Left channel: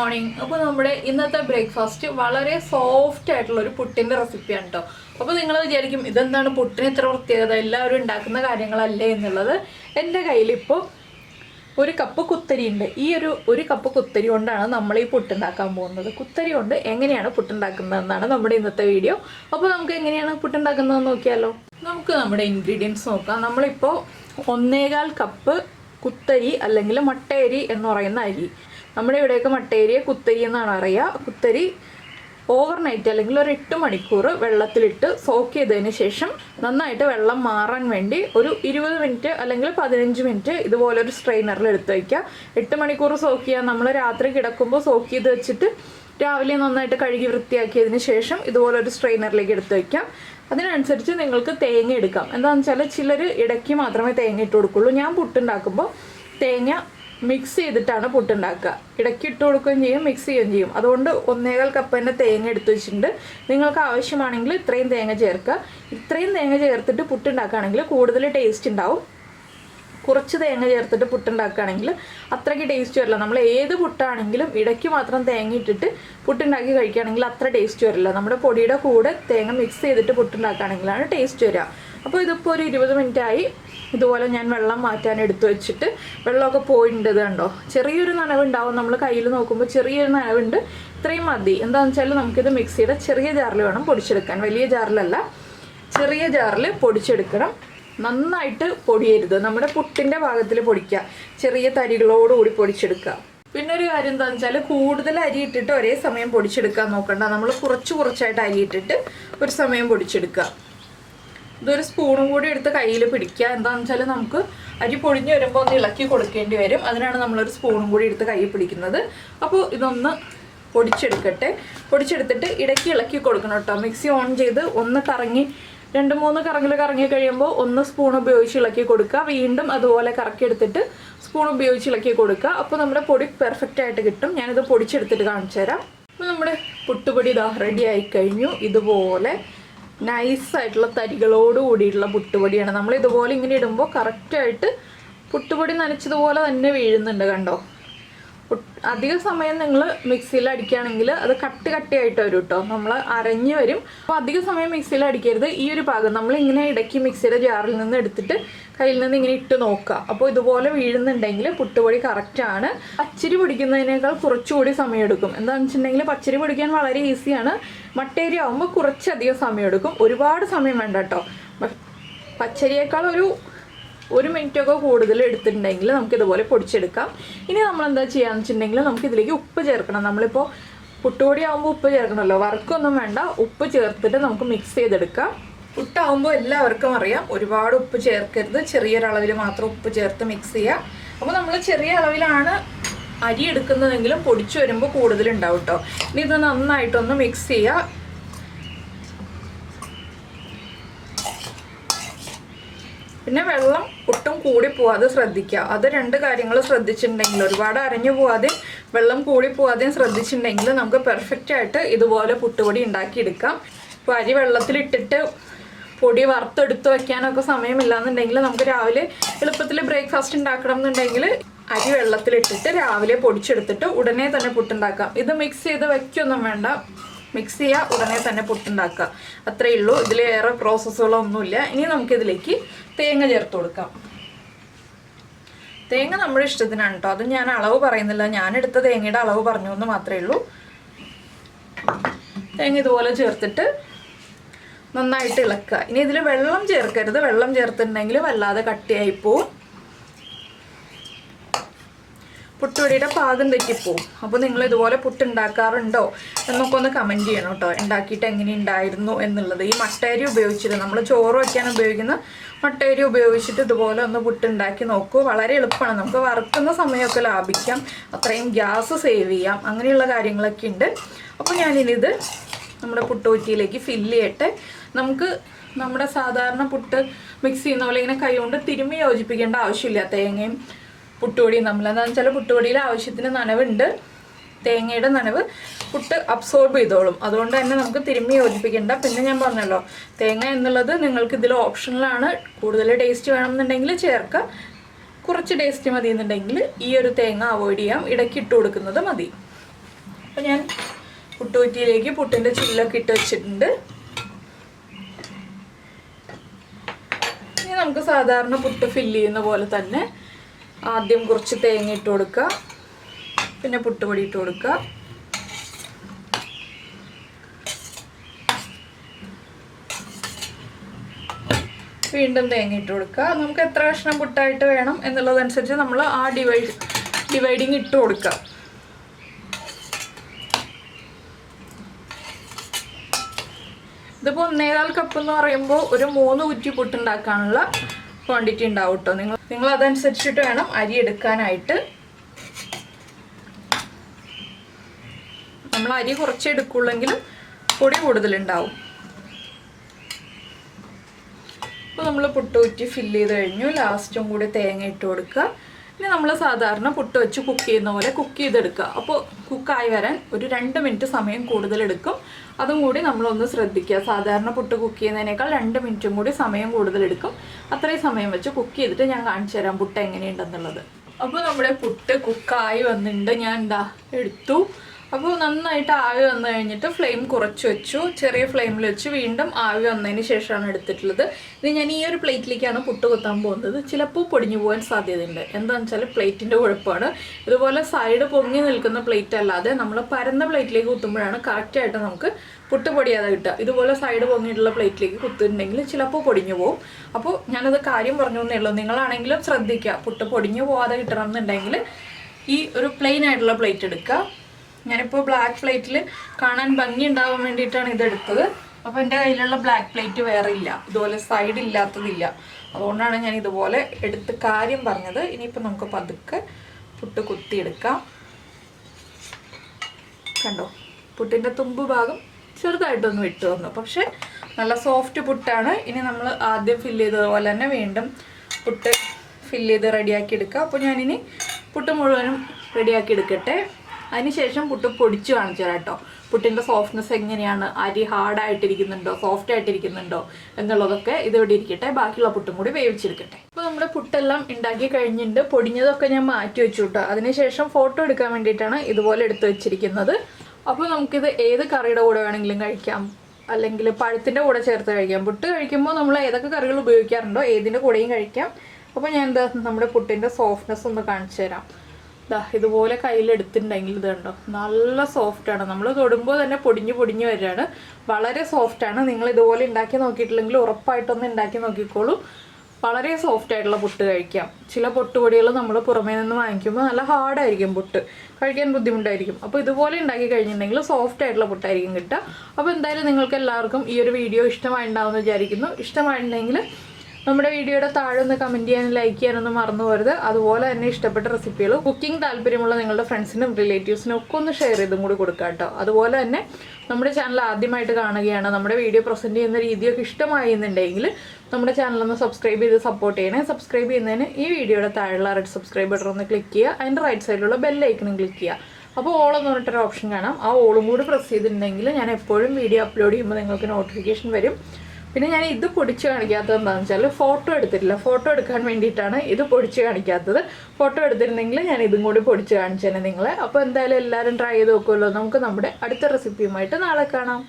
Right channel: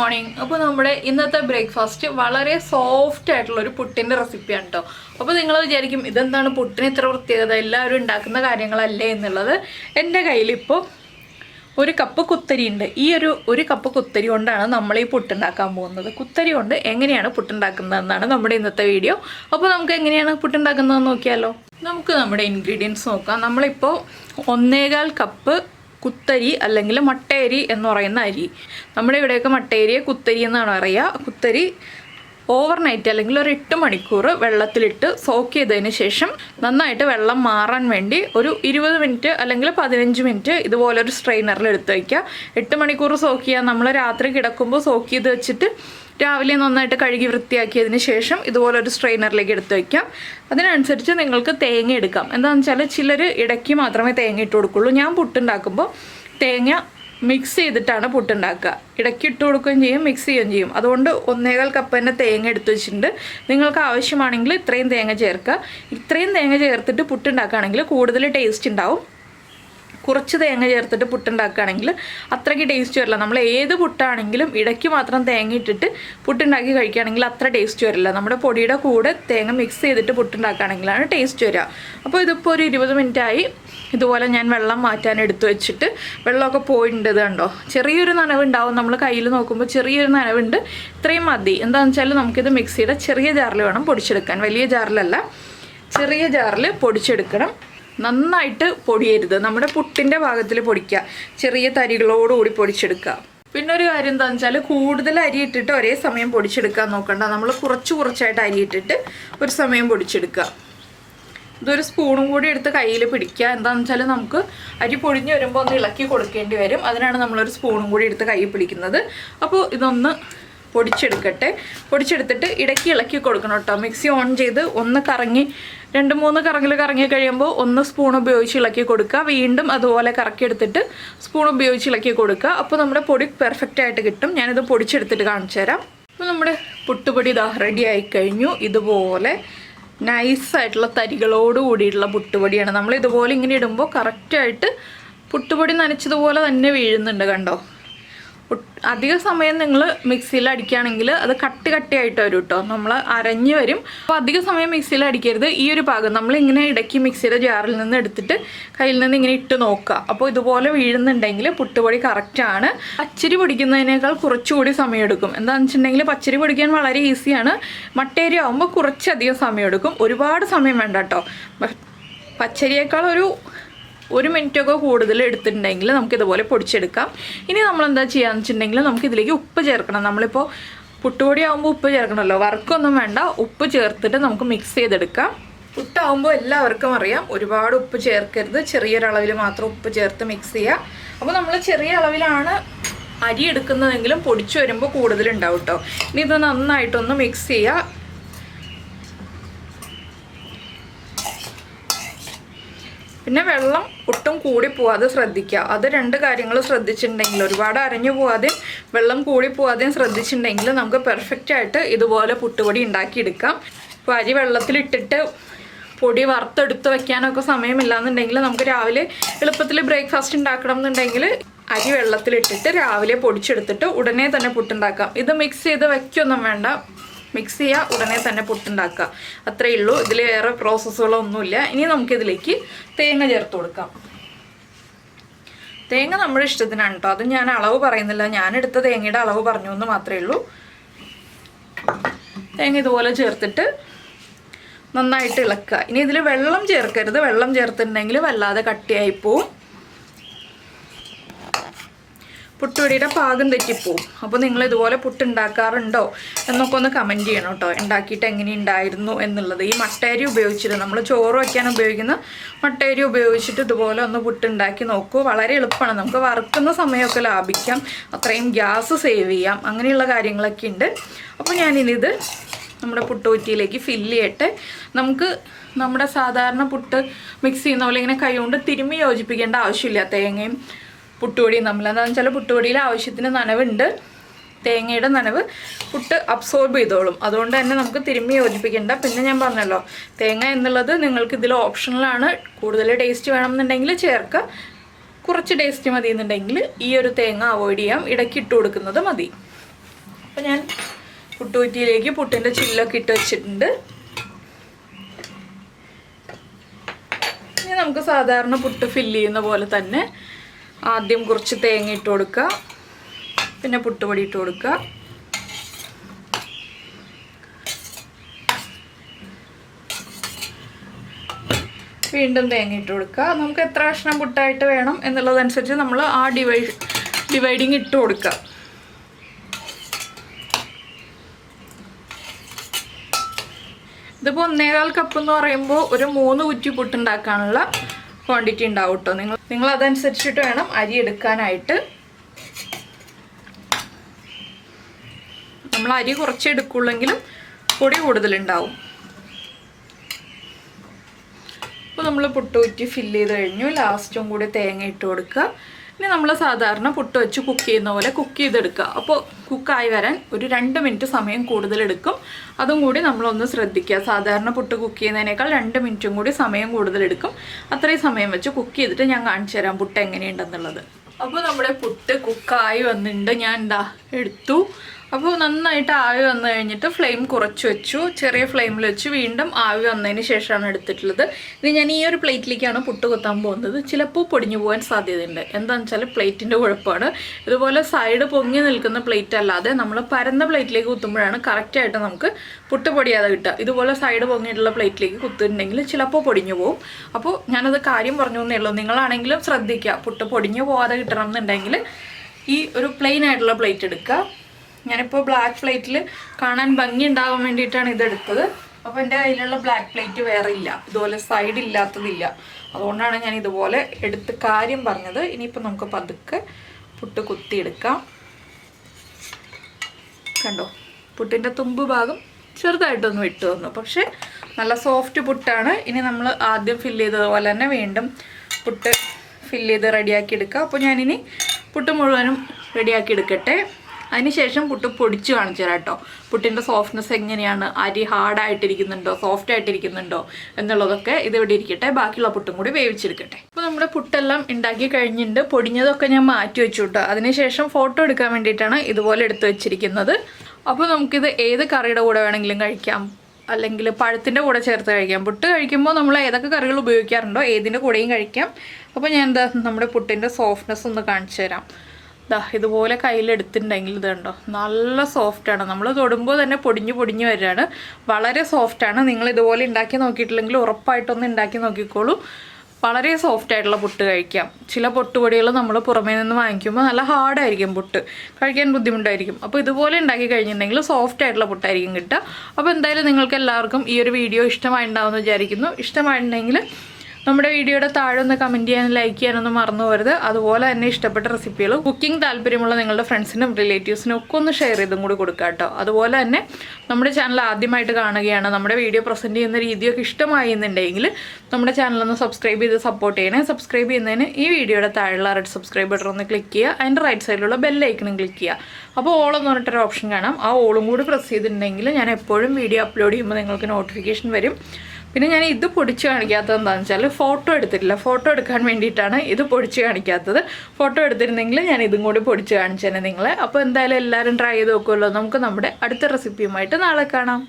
morning. അപ്പോൾ നമ്മുടെ ഇന്നത്തെ ബ്രേക്ക്ഫാസ്റ്റ് വളരെ സോഫ്റ്റ് ആയിട്ടുള്ള ഒരു പുട്ടിന്റെ റെസിപ്പിയാണ് ട്ടോ. അപ്പോൾ നിങ്ങൾ വിചാരിക്കും ഇതെന്താണ് പുട്ടിന് ഇത്ര പ്രത്യേകത എല്ലാവരും ഉണ്ടാക്കുന്ന കാര്യങ്ങളല്ലേ എന്നുള്ളത്. എൻ്റെ കയ്യിൽ ഇപ്പോൾ ഒരു കപ്പ് കുത്തരി ഉണ്ട്. ഈ ഒരു കപ്പ് കുത്തരി കൊണ്ടാണ് നമ്മൾ ഈ പുട്ടുണ്ടാക്കാൻ പോകുന്നത്. കുത്തരി കൊണ്ട് എങ്ങനെയാണ് പുട്ടുണ്ടാക്കുന്നതെന്നാണ് നമ്മുടെ ഇന്നത്തെ വീഡിയോ. അപ്പോൾ നമുക്ക് എങ്ങനെയാണ് പുട്ടുണ്ടാക്കുന്നതെന്ന് നോക്കിയാലോ. നമുക്ക് നമ്മുടെ ഇൻഗ്രീഡിയൻസ് നോക്കാം. നമ്മളിപ്പോൾ 1.25 കപ്പ് കുത്തരി അല്ലെങ്കിൽ മട്ടയരി എന്ന് പറയുന്ന അരി. നമ്മുടെ ഇവിടെയൊക്കെ മട്ടയരിയെ കുത്തരി എന്നാണ് പറയുക. കുത്തരി ഓവർനൈറ്റ് അല്ലെങ്കിൽ ഒരു 8 മണിക്കൂർ വെള്ളത്തിലിട്ട് സോക്ക് ചെയ്തതിന് ശേഷം നന്നായിട്ട് വെള്ളം മാറാൻ വേണ്ടി ഒരു 20 മിനിറ്റ് അല്ലെങ്കിൽ 15 മിനിറ്റ് ഇതുപോലൊരു സ്ട്രെയിനറിൽ എടുത്ത് വയ്ക്കുക. 8 മണിക്കൂർ സോക്ക് ചെയ്യുക. നമ്മൾ രാത്രി കിടക്കുമ്പോൾ സോക്ക് ചെയ്ത് വെച്ചിട്ട് രാവിലെ നന്നായിട്ട് കഴുകി വൃത്തിയാക്കിയതിന് ശേഷം ഇതുപോലൊരു സ്ട്രെയിനറിലേക്ക് എടുത്ത് വയ്ക്കാം. അതിനനുസരിച്ച് നിങ്ങൾക്ക് തേങ്ങ എടുക്കാം. എന്താണെന്ന് വെച്ചാൽ ചിലർ ഇടയ്ക്ക് മാത്രമേ തേങ്ങ ഇട്ട് കൊടുക്കുള്ളൂ. ഞാൻ പുട്ടുണ്ടാക്കുമ്പോൾ തേങ്ങ മിക്സ് ചെയ്തിട്ടാണ് പുട്ടുണ്ടാക്കുക. ഇടയ്ക്ക് ഇട്ട് കൊടുക്കുകയും ചെയ്യും, മിക്സ് ചെയ്യുകയും ചെയ്യും. അതുകൊണ്ട് 1.25 കപ്പ് തന്നെ തേങ്ങ എടുത്ത് വെച്ചിട്ടുണ്ട്. നിങ്ങൾക്ക് ആവശ്യമാണെങ്കിൽ ഇത്രയും തേങ്ങ ചേർക്കുക. ഇത്രയും തേങ്ങ ചേർത്തിട്ട് പുട്ടുണ്ടാക്കുകയാണെങ്കിൽ കൂടുതൽ ടേസ്റ്റ് ഉണ്ടാവും. കുറച്ച് തേങ്ങ ചേർത്തിട്ട് പുട്ടുണ്ടാക്കുകയാണെങ്കിൽ അത്രയ്ക്ക് ടേസ്റ്റ് വരില്ല. നമ്മൾ ഏത് പുട്ടാണെങ്കിലും ഇടയ്ക്ക് മാത്രം തേങ്ങ ഇട്ടിട്ട് പുട്ടുണ്ടാക്കി കഴിക്കുകയാണെങ്കിൽ അത്ര ടേസ്റ്റ് വരില്ല. നമ്മുടെ പൊടിയുടെ കൂടെ തേങ്ങ മിക്സ് ചെയ്തിട്ട് പുട്ടുണ്ടാക്കുകയാണെങ്കിലാണ് ടേസ്റ്റ് വരിക. അപ്പോൾ ഇതിപ്പോൾ ഒരു 20 മിനിറ്റായി. ഇതുപോലെ ഞാൻ വെള്ളം മാറ്റാൻ എടുത്തു വെച്ചിട്ട് വെള്ളമൊക്കെ പോയിട്ടുണ്ട്. കണ്ടോ, ചെറിയൊരു നനവുണ്ടാവും. നമ്മൾ കയ്യിൽ നോക്കുമ്പോൾ ചെറിയൊരു നനവുണ്ട്. ഇത്രയും മതി. എന്താണെന്ന് വെച്ചാൽ നമുക്കിത് മിക്സിയുടെ ചെറിയ ജാറിൽ വേണം പൊടിച്ചെടുക്കാൻ. വലിയ ജാറിലല്ല, ചെറിയ ജാറിൽ പൊടിച്ചെടുക്കണം. നന്നായിട്ട് പൊടിയരുത്. നമ്മുടെ പുട്ടിൻ്റെ ഭാഗത്തിൽ പൊടിക്കുക. ചെറിയ തരികളോടുകൂടി പൊടിച്ചെടുക്കുക. പിന്നെ ഒരു കാര്യം എന്താണെന്ന് വെച്ചാൽ കൂടുതൽ അരി ഇട്ടിട്ട് ഒരേ സമയം പൊടിച്ചെടുക്കാൻ നോക്കണ്ട. നമ്മൾ കുറച്ചായിട്ട് അരി ഇട്ടിട്ട് ഒരു സമയം പൊടിച്ചെടുക്കുക. ഇതൊരു സ്പൂണും കൂടി എടുത്ത് കയ്യിൽ പിടിക്കുക. എന്താണെന്ന് വെച്ചാൽ നമുക്ക് അരി പൊടിഞ്ഞ് വരുമ്പോൾ ഒന്ന് ഇളക്കി കൊടുക്കേണ്ടി വരും. അതിനാണ് നമ്മളൊരു സ്പൂണും കൂടി എടുത്ത് കയ്യിൽ പിടിക്കുന്നത്. അപ്പോൾ ഇതൊന്ന് പൊടിച്ചെടുക്കട്ടെ. പൊടിച്ചെടുത്തിട്ട് ഇടയ്ക്ക് ഇളക്കി കൊടുക്കണം കേട്ടോ. മിക്സി ഓൺ ചെയ്ത് ഒന്ന് കറങ്ങി 2-3 കറങ്ങി കഴിയുമ്പോൾ ഒന്ന് സ്പൂൺ ഉപയോഗിച്ച് ഇളക്കി കൊടുക്കുക. വീണ്ടും അതുപോലെ കറക്കിയെടുത്തിട്ട് സ്പൂൺ ഉപയോഗിച്ച് ഇളക്കി കൊടുക്കുക. അപ്പോൾ നമ്മുടെ പൊടി പെർഫെക്റ്റ് ആയിട്ട് കിട്ടും. ഞാനിത് പൊടിച്ചെടുത്തിട്ട് കാണിച്ചു തരാം. അപ്പോൾ നമ്മുടെ പുട്ടുപൊടി ഇതാ റെഡി ആയിക്കഴിഞ്ഞു. ഇതുപോലെ നൈസായിട്ടുള്ള തരികളോട് കൂടിയിട്ടുള്ള പുട്ടുപൊടിയാണ്. നമ്മൾ ഇതുപോലെ ഇങ്ങനെ ഇടുമ്പോൾ കറക്റ്റായിട്ട് പുട്ടുപൊടി നനച്ചതുപോലെ തന്നെ വീഴുന്നുണ്ട്. കണ്ടോ, അധിക സമയം നിങ്ങൾ മിക്സിയിൽ അടിക്കുകയാണെങ്കിൽ അത് കട്ടിയായിട്ട് വരും കേട്ടോ. നമ്മൾ അരഞ്ഞു വരും. അപ്പോൾ അധിക സമയം മിക്സിയിൽ അടിക്കരുത്. ഈ ഒരു ഭാഗം നമ്മളിങ്ങനെ ഇടയ്ക്ക് മിക്സിയുടെ ജാറിൽ നിന്ന് എടുത്തിട്ട് കയ്യിൽ നിന്ന് ഇങ്ങനെ ഇട്ട് നോക്കുക. അപ്പോൾ ഇതുപോലെ വീഴുന്നുണ്ടെങ്കിൽ പുട്ടുപൊടി കറക്റ്റാണ്. പച്ചരി പൊടിക്കുന്നതിനേക്കാൾ കുറച്ചുകൂടി സമയം എടുക്കും. എന്താണെന്ന് വെച്ചിട്ടുണ്ടെങ്കിൽ പച്ചരി പൊടിക്കാൻ വളരെ ഈസിയാണ്. മട്ടേരി ആകുമ്പോൾ കുറച്ചധികം സമയം എടുക്കും. ഒരുപാട് സമയം വേണ്ട കേട്ടോ. പച്ചരിയേക്കാൾ ഒരു മിനിറ്റൊക്കെ കൂടുതൽ എടുത്തിട്ടുണ്ടെങ്കിൽ നമുക്കിതുപോലെ പൊടിച്ചെടുക്കാം. ഇനി നമ്മളെന്താ ചെയ്യാന്ന് വെച്ചിട്ടുണ്ടെങ്കിൽ നമുക്കിതിലേക്ക് ഉപ്പ് ചേർക്കണം. നമ്മളിപ്പോൾ പുട്ടുപൊടി ആകുമ്പോൾ ഉപ്പ് ചേർക്കണമല്ലോ. വറുക്കൊന്നും വേണ്ട. ഉപ്പ് ചേർത്തിട്ട് നമുക്ക് മിക്സ് ചെയ്തെടുക്കാം. പുട്ടാകുമ്പോൾ എല്ലാവർക്കും അറിയാം ഒരുപാട് ഉപ്പ് ചേർക്കരുത്. ചെറിയൊരളവിൽ മാത്രം ഉപ്പ് ചേർത്ത് മിക്സ് ചെയ്യുക. അപ്പോൾ നമ്മൾ ചെറിയ അളവിലാണ് അരി എടുക്കുന്നതെങ്കിലും പൊടിച്ചു വരുമ്പോൾ കൂടുതലുണ്ടാവും കേട്ടോ. ഇനി ഇത് നന്നായിട്ടൊന്ന് മിക്സ് ചെയ്യുക. പിന്നെ വെള്ളം ഒട്ടും കൂടി പോവാതെ ശ്രദ്ധിക്കുക. അത് 2 കാര്യങ്ങൾ ശ്രദ്ധിച്ചിട്ടുണ്ടെങ്കിൽ, ഒരുപാട് അരഞ്ഞു പോവാതെയും വെള്ളം കൂടി പോവാതെയും ശ്രദ്ധിച്ചിട്ടുണ്ടെങ്കിൽ നമുക്ക് പെർഫെക്റ്റ് ആയിട്ട് ഇതുപോലെ പുട്ടുപൊടി ഉണ്ടാക്കിയെടുക്കാം. ഇപ്പോൾ അരി വെള്ളത്തിലിട്ടിട്ട് പൊടി വറുത്തെടുത്ത് വയ്ക്കാനൊക്കെ സമയമില്ലാന്നുണ്ടെങ്കിൽ നമുക്ക് രാവിലെ എളുപ്പത്തിൽ ബ്രേക്ക്ഫാസ്റ്റ് ഉണ്ടാക്കണം എന്നുണ്ടെങ്കിൽ അരി വെള്ളത്തിലിട്ടിട്ട് രാവിലെ പൊടിച്ചെടുത്തിട്ട് ഉടനെ തന്നെ പുട്ടുണ്ടാക്കാം. ഇത് മിക്സ് ചെയ്ത് വയ്ക്കൊന്നും വേണ്ട. മിക്സ് ചെയ്യുക, ഉടനെ തന്നെ പുട്ടുണ്ടാക്കുക. അത്രയേ ഉള്ളൂ. ഇതിൽ വേറെ പ്രോസസ്സുകളൊന്നുമില്ല. ഇനി നമുക്കിതിലേക്ക് തേങ്ങ ചേർത്ത് കൊടുക്കാം. തേങ്ങ നമ്മുടെ ഇഷ്ടത്തിനാണ് കേട്ടോ. അത് ഞാൻ അളവ് പറയുന്നില്ല. ഞാനെടുത്ത തേങ്ങയുടെ അളവ് പറഞ്ഞു എന്ന് മാത്രമേ ഉള്ളൂ. തേങ്ങ ഇതുപോലെ ചേർത്തിട്ട് നന്നായിട്ട് ഇളക്കുക. ഇനി ഇതിൽ വെള്ളം ചേർക്കരുത്. വെള്ളം ചേർത്തിട്ടുണ്ടെങ്കിൽ വല്ലാതെ കട്ടിയായി പോവും. പുട്ടുപൊടിയുടെ പാകം തെറ്റിപ്പോവും. അപ്പോൾ നിങ്ങൾ ഇതുപോലെ പുട്ടുണ്ടാക്കാറുണ്ടോ എന്നൊക്കെ ഒന്ന് കമൻറ്റ് ചെയ്യണം കേട്ടോ. ഉണ്ടാക്കിയിട്ട് എങ്ങനെ ഉണ്ടായിരുന്നു എന്നുള്ളത്. ഈ മട്ടയരി ഉപയോഗിച്ചിട്ട് നമ്മൾ ചോറ് വയ്ക്കാൻ ഉപയോഗിക്കുന്ന മട്ടയരി ഉപയോഗിച്ചിട്ട് ഇതുപോലെ ഒന്ന് പുട്ടുണ്ടാക്കി നോക്കൂ. വളരെ എളുപ്പമാണ്. നമുക്ക് വറുക്കുന്ന സമയമൊക്കെ ലാഭിക്കാം. അത്രയും ഗ്യാസ് സേവ് ചെയ്യാം. അങ്ങനെയുള്ള കാര്യങ്ങളൊക്കെ ഉണ്ട്. അപ്പോൾ ഞാനിത് നമ്മുടെ പുട്ടുകുറ്റിയിലേക്ക് ഫില്ല് ചെയ്യട്ടെ. നമുക്ക് നമ്മുടെ സാധാരണ പുട്ട് മിക്സ് ചെയ്യുന്ന പോലെ ഇങ്ങനെ കൈ കൊണ്ട് തിരുമ്മി യോജിപ്പിക്കേണ്ട ആവശ്യമില്ല. തേങ്ങയും പുട്ടുപൊടിയും തമ്മിൽ. എന്താണെന്ന് വെച്ചാൽ പുട്ടുപൊടിയിൽ ആവശ്യത്തിന് നനവുണ്ട്. തേങ്ങയുടെ നനവ് പുട്ട് അബ്സോർബ് ചെയ്തോളും. അതുകൊണ്ട് തന്നെ നമുക്ക് തിരുമ്മി യോജിപ്പിക്കേണ്ട. പിന്നെ ഞാൻ പറഞ്ഞല്ലോ, തേങ്ങ എന്നുള്ളത് നിങ്ങൾക്ക് ഇതിൽ ഓപ്ഷണലാണ്. കൂടുതൽ ടേസ്റ്റ് വേണമെന്നുണ്ടെങ്കിൽ ചേർക്കുക. കുറച്ച് ടേസ്റ്റ് മതി എന്നുണ്ടെങ്കിൽ ഈ ഒരു തേങ്ങ അവോയ്ഡ് ചെയ്യാം. ഇടയ്ക്ക് ഇട്ട് കൊടുക്കുന്നത് മതി. അപ്പോൾ ഞാൻ പുട്ടുകുറ്റിയിലേക്ക് പുട്ടിൻ്റെ ചില്ലൊക്കെ ഇട്ട് വെച്ചിട്ടുണ്ട്. ഇനി നമുക്ക് സാധാരണ പുട്ട് ഫില്ല് ചെയ്യുന്ന പോലെ തന്നെ ആദ്യം കുറച്ച് തേങ്ങ ഇട്ട് കൊടുക്കുക, പിന്നെ പുട്ടുപൊടി ഇട്ട് കൊടുക്കുക, വീണ്ടും തേങ്ങ ഇട്ട് കൊടുക്കുക. നമുക്ക് എത്ര കഷ്ണം പുട്ടായിട്ട് വേണം എന്നുള്ളതനുസരിച്ച് നമ്മൾ ആ ഡിവൈഡിങ് ഇട്ട് കൊടുക്കുക. ഇതിപ്പോൾ 1.25 കപ്പ് എന്ന് പറയുമ്പോൾ ഒരു 3 കുറ്റി പുട്ടുണ്ടാക്കാനുള്ള ക്വാണ്ടിറ്റി ഉണ്ടാവും കേട്ടോ. നിങ്ങൾ അതനുസരിച്ചിട്ട് വേണം അരി എടുക്കാനായിട്ട്. നമ്മൾ അരി കുറച്ച് എടുക്കുള്ളെങ്കിലും പൊടി കൂടുതലുണ്ടാവും. അപ്പോൾ നമ്മൾ പുട്ടുകുറ്റി ഫില്ല് ചെയ്ത് കഴിഞ്ഞു. ലാസ്റ്റും കൂടി തേങ്ങ ഇട്ട് കൊടുക്കുക. ഇനി നമ്മൾ സാധാരണ പുട്ട് വെച്ച് കുക്ക് ചെയ്യുന്ന പോലെ കുക്ക് ചെയ്തെടുക്കുക. അപ്പോൾ കുക്കായി വരാൻ ഒരു 2 മിനിറ്റ് സമയം കൂടുതലെടുക്കും. അതും കൂടി നമ്മളൊന്ന് ശ്രദ്ധിക്കുക. സാധാരണ പുട്ട് കുക്ക് ചെയ്യുന്നതിനേക്കാൾ 2 മിനിറ്റും കൂടി സമയം കൂടുതലെടുക്കും. അത്രയും സമയം വെച്ച് കുക്ക് ചെയ്തിട്ട് ഞാൻ കാണിച്ചു തരാം പുട്ട് എങ്ങനെയുണ്ടെന്നുള്ളത്. അപ്പോൾ നമ്മുടെ പുട്ട് കുക്കായി വന്നിട്ടുണ്ട്. ഞാൻ എടുത്തു. അപ്പോൾ നന്നായിട്ട് ആവി വന്നു കഴിഞ്ഞിട്ട് ഫ്ലെയിം കുറച്ച് വെച്ചു. ചെറിയ ഫ്ലെയിമിൽ വെച്ച് വീണ്ടും ആവി വന്നതിന് ശേഷമാണ് എടുത്തിട്ടുള്ളത്. ഇനി ഞാൻ ഈ ഒരു പ്ലേറ്റിലേക്കാണ് പുട്ട് കുത്താൻ പോകുന്നത്. ചിലപ്പോൾ പൊടിഞ്ഞു പോകാൻ സാധ്യതയുണ്ട്. എന്താണെന്ന് വെച്ചാൽ പ്ലേറ്റിൻ്റെ കുഴപ്പമാണ്. ഇതുപോലെ സൈഡ് പൊങ്ങി നിൽക്കുന്ന പ്ലേറ്റ് അല്ലാതെ നമ്മൾ പരന്ന പ്ലേറ്റിലേക്ക് കുത്തുമ്പോഴാണ് കറക്റ്റായിട്ട് നമുക്ക് പുട്ട് പൊടിയാതെ കിട്ടുക. ഇതുപോലെ സൈഡ് പൊങ്ങിയിട്ടുള്ള പ്ലേറ്റിലേക്ക് കുത്തിയിട്ടുണ്ടെങ്കിൽ ചിലപ്പോൾ പൊടിഞ്ഞു പോകും. അപ്പോൾ ഞാനത് കാര്യം പറഞ്ഞു എന്നേ ഉള്ളൂ. നിങ്ങളാണെങ്കിലും ശ്രദ്ധിക്കുക. പുട്ട് പൊടിഞ്ഞു പോകാതെ കിട്ടണം എന്നുണ്ടെങ്കിൽ ഈ ഒരു പ്ലെയിൻ ആയിട്ടുള്ള പ്ലേറ്റ് എടുക്കുക. ഞാനിപ്പോൾ ബ്ലാക്ക് പ്ലേറ്റിൽ കാണാൻ ഭംഗി ഉണ്ടാകാൻ വേണ്ടിയിട്ടാണ് ഇതെടുത്തത്. അപ്പോൾ എൻ്റെ കയ്യിലുള്ള ബ്ലാക്ക് പ്ലേറ്റ് വേറെ ഇല്ല, ഇതുപോലെ സൈഡ് ഇല്ലാത്തതില്ല. അതുകൊണ്ടാണ് ഞാൻ ഇതുപോലെ എടുത്ത് കാര്യം പറഞ്ഞത്. ഇനിയിപ്പോൾ നമുക്ക് പതുക്കെ പുട്ട് കുത്തിയെടുക്കാം. കണ്ടോ, പുട്ടിൻ്റെ തുമ്പ് ഭാഗം ചെറുതായിട്ടൊന്ന് വിട്ടു വന്നു. പക്ഷേ നല്ല സോഫ്റ്റ് പുട്ടാണ്. ഇനി നമ്മൾ ആദ്യം ഫില്ല് ചെയ്തതുപോലെ തന്നെ വീണ്ടും പുട്ട് ഫില്ല് ചെയ്ത് റെഡിയാക്കി എടുക്കുക. അപ്പോൾ ഞാനിനി പുട്ട് മുഴുവനും റെഡിയാക്കി എടുക്കട്ടെ. അതിനുശേഷം പുട്ട് പൊടിച്ച് കാണിച്ചു തരാം കേട്ടോ. പുട്ടിൻ്റെ സോഫ്റ്റ്നെസ് എങ്ങനെയാണ്, അരി ഹാർഡായിട്ടിരിക്കുന്നുണ്ടോ സോഫ്റ്റ് ആയിട്ടിരിക്കുന്നുണ്ടോ എന്നുള്ളതൊക്കെ ഇതിവിടെ ഇരിക്കട്ടെ. ബാക്കിയുള്ള പുട്ടും കൂടി വേവിച്ചെടുക്കട്ടെ. അപ്പോൾ നമ്മുടെ പുട്ടെല്ലാം ഉണ്ടാക്കി കഴിഞ്ഞിട്ടുണ്ട്. പൊടിഞ്ഞതൊക്കെ ഞാൻ മാറ്റി വെച്ചു കേട്ടോ. അതിനുശേഷം ഫോട്ടോ എടുക്കാൻ വേണ്ടിയിട്ടാണ് ഇതുപോലെ എടുത്ത് വെച്ചിരിക്കുന്നത്. അപ്പോൾ നമുക്കിത് ഏത് കറിയുടെ കൂടെ വേണമെങ്കിലും കഴിക്കാം, അല്ലെങ്കിൽ പഴത്തിൻ്റെ കൂടെ ചേർത്ത് കഴിക്കാം. പുട്ട് കഴിക്കുമ്പോൾ നമ്മൾ ഏതൊക്കെ കറികൾ ഉപയോഗിക്കാറുണ്ടോ ഏതിൻ്റെ കൂടെയും കഴിക്കാം. അപ്പോൾ ഞാൻ നമ്മുടെ പുട്ടിൻ്റെ സോഫ്റ്റ്നെസ് ഒന്ന് കാണിച്ചു തരാം. ഇതുപോലെ കയ്യിലെടുത്തിട്ടുണ്ടെങ്കിൽ ഇത് കണ്ടോ, നല്ല സോഫ്റ്റാണ്. നമ്മൾ തൊടുമ്പോൾ തന്നെ പൊടിഞ്ഞു വരികയാണ്. വളരെ സോഫ്റ്റാണ്. നിങ്ങൾ ഇതുപോലെ ഉണ്ടാക്കി നോക്കിയിട്ടില്ലെങ്കിൽ ഉറപ്പായിട്ടൊന്ന് ഉണ്ടാക്കി നോക്കിക്കോളൂ. വളരെ സോഫ്റ്റ് ആയിട്ടുള്ള പുട്ട് കഴിക്കാം. ചില പൊട്ടുപൊടികൾ നമ്മൾ പുറമേ നിന്ന് വാങ്ങിക്കുമ്പോൾ നല്ല ഹാർഡായിരിക്കും, പുട്ട് കഴിക്കാൻ ബുദ്ധിമുട്ടായിരിക്കും. അപ്പോൾ ഇതുപോലെ ഉണ്ടാക്കി കഴിഞ്ഞിട്ടുണ്ടെങ്കിൽ സോഫ്റ്റ് ആയിട്ടുള്ള പുട്ടായിരിക്കും കിട്ടുക. അപ്പോൾ എന്തായാലും നിങ്ങൾക്ക് എല്ലാവർക്കും ഈ ഒരു വീഡിയോ ഇഷ്ടമായിട്ടുണ്ടാവുമെന്ന് വിചാരിക്കുന്നു. ഇഷ്ടമായിട്ടുണ്ടെങ്കിൽ നമ്മുടെ വീഡിയോയുടെ താഴെ ഒന്ന് കമൻറ്റ് ചെയ്യാനും ലൈക്ക് ചെയ്യാനൊന്നും മറന്നു പോകരുത്. അതുപോലെ തന്നെ ഇഷ്ടപ്പെട്ട റെസിപ്പികൾ കുക്കിംഗ് താല്പര്യമുള്ള നിങ്ങളുടെ ഫ്രണ്ട്സിനും റിലേറ്റീവ്സിനും ഒക്കെ ഒന്ന് ഷെയർ ചെയ്തും കൂടി കൊടുക്കുക കേട്ടോ. അതുപോലെ തന്നെ നമ്മുടെ ചാനൽ ആദ്യമായിട്ട് കാണുകയാണ്, നമ്മുടെ വീഡിയോ പ്രസൻറ്റ് ചെയ്യുന്ന രീതിയൊക്കെ ഇഷ്ടമായി എന്നുണ്ടെങ്കിൽ നമ്മുടെ ചാനലൊന്ന് സബ്സ്ക്രൈബ് ചെയ്ത് സപ്പോർട്ട് ചെയ്യണേ. സബ്സ്ക്രൈബ് ചെയ്യുന്നതിന് ഈ വീഡിയോയുടെ താഴെയുള്ള റെഡ് സബ്സ്ക്രൈബ് ബട്ടൺ ഒന്ന് ക്ലിക്ക് ചെയ്യുക. അതിൻ്റെ റൈറ്റ് സൈഡിലുള്ള ബെല്ലൈക്കണും ക്ലിക്ക് ചെയ്യുക. അപ്പോൾ ഓളെന്ന് പറഞ്ഞിട്ടൊരു ഓപ്ഷൻ കാണാം. ആ ഓളും കൂടി പ്രസ് ചെയ്തിട്ടുണ്ടെങ്കിൽ ഞാൻ എപ്പോഴും വീഡിയോ അപ്ലോഡ് ചെയ്യുമ്പോൾ നിങ്ങൾക്ക് നോട്ടിഫിക്കേഷൻ വരും. പിന്നെ ഞാൻ ഇത് പൊടിച്ച് കാണിക്കാത്തത് എന്താണെന്ന് വെച്ചാൽ ഫോട്ടോ എടുത്തിട്ടില്ല. ഫോട്ടോ എടുക്കാൻ വേണ്ടിയിട്ടാണ് ഇത് പൊടിച്ച് കാണിക്കാത്തത്. ഫോട്ടോ എടുത്തിരുന്നെങ്കിൽ ഞാൻ ഇതും കൂടി പൊടിച്ച് കാണിച്ചു തന്നെ നിങ്ങളെ. അപ്പോൾ എന്തായാലും എല്ലാവരും ട്രൈ ചെയ്ത് നോക്കുമല്ലോ. നമുക്ക് നമ്മുടെ അടുത്ത റെസിപ്പിയുമായിട്ട് നാളെ കാണാം.